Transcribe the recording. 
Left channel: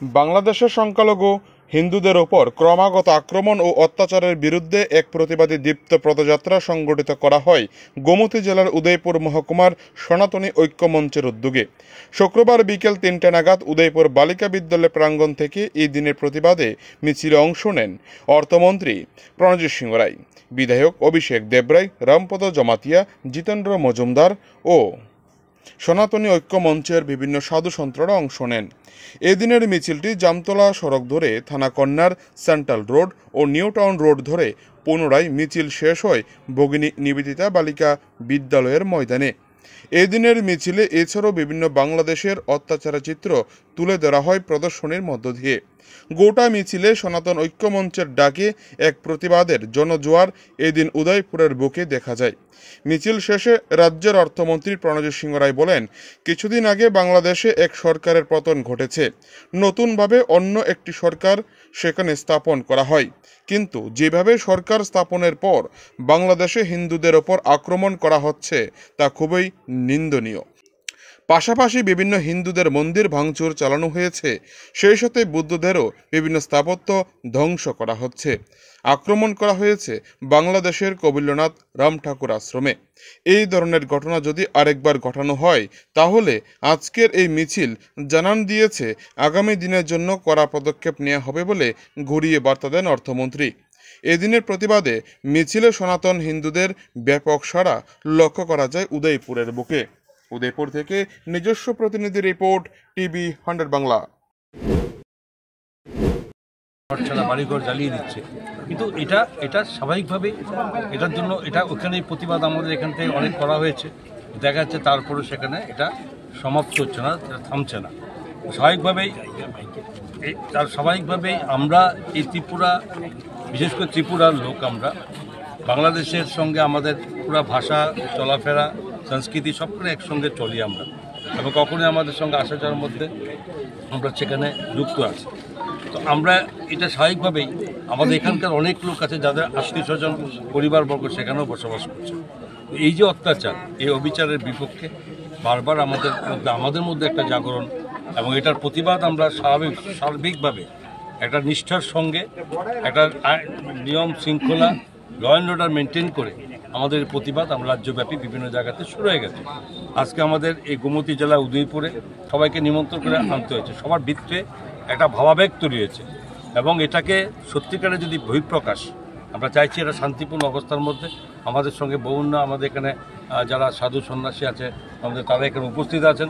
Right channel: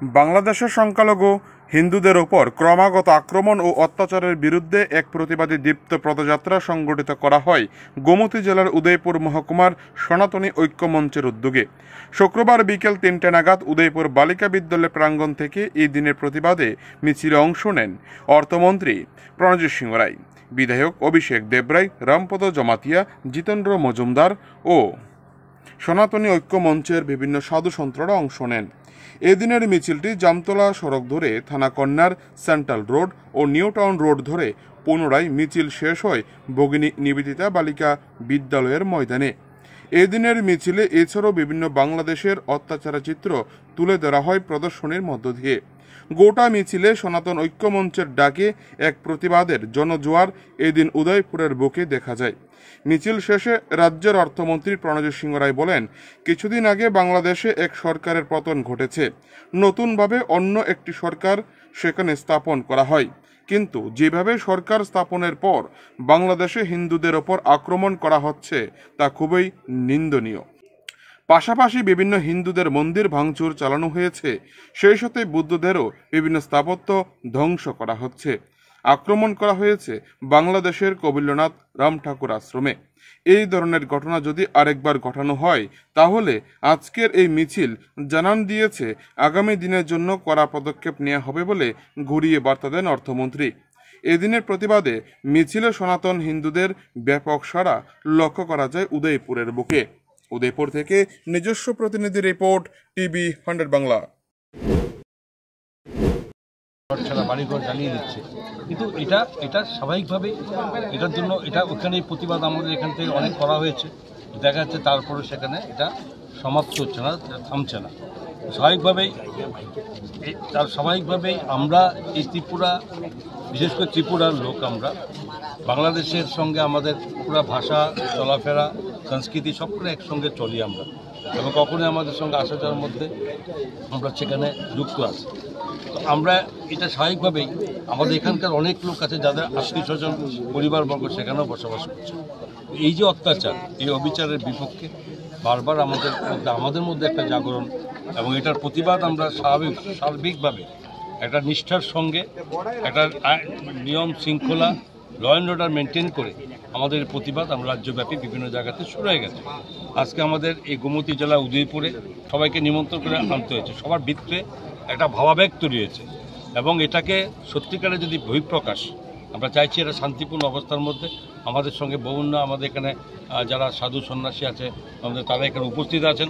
বাংলাদেশের সংখ্যালঘু হিন্দুদের ওপর ক্রমাগত আক্রমণ ও অত্যাচারের বিরুদ্ধে এক প্রতিবাদী দীপ্ত পদযাত্রা সংগঠিত করা হয় গোমতী জেলার উদয়পুর মহকুমার সনাতনী ঐক্য মঞ্চের উদ্যোগে। শুক্রবার বিকেল ৩টে নাগাদ উদয়পুর বালিকা বিদ্যালয় প্রাঙ্গণ থেকে এই দিনের প্রতিবাদে মিছিলে অংশ নেন অর্থমন্ত্রী প্রণজিৎ সিংহ রায়, বিধায়ক অভিষেক দেবরায়, রামপদ জমাতিয়া, জিতেন্দ্র মজুমদার ও সনাতনী ঐক্য মঞ্চের বিভিন্ন সাধু সন্তরা অংশ নেন। এদিনের মিছিলটি জামতলা সড়ক ধরে থানাকন্যার সেন্ট্রাল রোড ও নিউ টাউন রোড ধরে পুনরায় মিছিল শেষ হয় ভগিনী নিবেদিতা বালিকা বিদ্যালয়ের ময়দানে। এদিনের মিছিলে এছাড়াও বিভিন্ন বাংলাদেশের অত্যাচারের চিত্র তুলে ধরা হয় প্রদর্শনীর মধ্য দিয়ে। গোটা মিছিলে সনাতন ঐক্য মঞ্চের ডাকে এক প্রতিবাদের জনজোয়ার এদিন উদয়পুরের বুকে দেখা যায়। মিছিল শেষে রাজ্যের অর্থমন্ত্রী প্রণজিৎ সিংহ রায় বলেন, কিছুদিন আগে বাংলাদেশে এক সরকারের পতন ঘটেছে, নতুনভাবে অন্য একটি সরকার সেখানে স্থাপন করা হয়, কিন্তু যেভাবে সরকার স্থাপনের পর বাংলাদেশে হিন্দুদের ওপর আক্রমণ করা হচ্ছে তা খুবই নিন্দনীয়। পাশাপাশি বিভিন্ন হিন্দুদের মন্দির ভাঙচুর চালানো হয়েছে, সেই সাথে বুদ্ধদেরও বিভিন্ন স্থাপত্য ধ্বংস করা হচ্ছে। আক্রমণ করা হয়েছে বাংলাদেশের কবিল্যনাথ রাম ঠাকুর আশ্রমে। এই ধরনের ঘটনা যদি আরেকবার ঘটানো হয় তাহলে আজকের এই মিছিল জানান দিয়েছে আগামী দিনের জন্য কড়া পদক্ষেপ নেওয়া হবে বলে ঘুরিয়ে বার্তা দেন অর্থমন্ত্রী। এদিনের প্রতিবাদে মিছিলে সনাতন হিন্দুদের ব্যাপক সাড়া লক্ষ্য করা যায় উদয়পুরের বুকে। উদয়পুর থেকে নিজস্ব প্রতিনিধি রিপোর্ট, টিভি 100 বাংলা। বাড়িঘর জ্বালিয়ে দিচ্ছে, কিন্তু এটা স্বাভাবিকভাবে এটার জন্য ওখানে প্রতিবাদ আমাদের এখান থেকে অনেক করা হয়েছে, দেখা যাচ্ছে তারপরে সেখানে এটা সমাপ্ত হচ্ছে না, থামছে না। স্বাভাবিকভাবেই আমরা এই ত্রিপুরা, বিশেষ করে ত্রিপুরার লোক, আমরা বাংলাদেশের সঙ্গে আমাদের পুরো ভাষা, চলাফেরা, সংস্কৃতি সবখানে একসঙ্গে চলি আমরা, এবং কখনোই আমাদের সঙ্গে আসা যাওয়ার মধ্যে আমরা সেখানে যুক্ত আছি। তো আমরা এটা স্বাভাবিকভাবেই আমাদের এখানকার অনেক লোক আছে যাদের আত্মীয় স্বজন, পরিবারবর্গ সেখানেও বসবাস করছে। এই যে অত্যাচার, এই অবিচারের বিপক্ষে বারবার আমাদের মধ্যে একটা জাগরণ, এবং এটার প্রতিবাদ আমরা সার্বিকভাবে একটা নিষ্ঠার সঙ্গে একটা নিয়ম শৃঙ্খলা, ল অ্যান্ড অর্ডার মেনটেন করে আমাদের প্রতিবাদ আমরা রাজ্যব্যাপী বিভিন্ন জায়গাতে শুরু হয়ে গেছে। আজকে আমাদের এই গোমতী জেলা উদয়পুরে সবাইকে নিমন্ত্রণ করে আনতে হয়েছে। সবার ভিত্তিতে একটা ভাবাবেগ তৈরি হয়েছে, এবং এটাকে সত্যিকারে যদি বহিঃপ্রকাশ আমরা চাইছি, এটা শান্তিপূর্ণ অবস্থার মধ্যে আমাদের সঙ্গে আমাদের এখানে যারা সাধু সন্ন্যাসী আছে আমাদের, তারা এখানে উপস্থিত আছেন।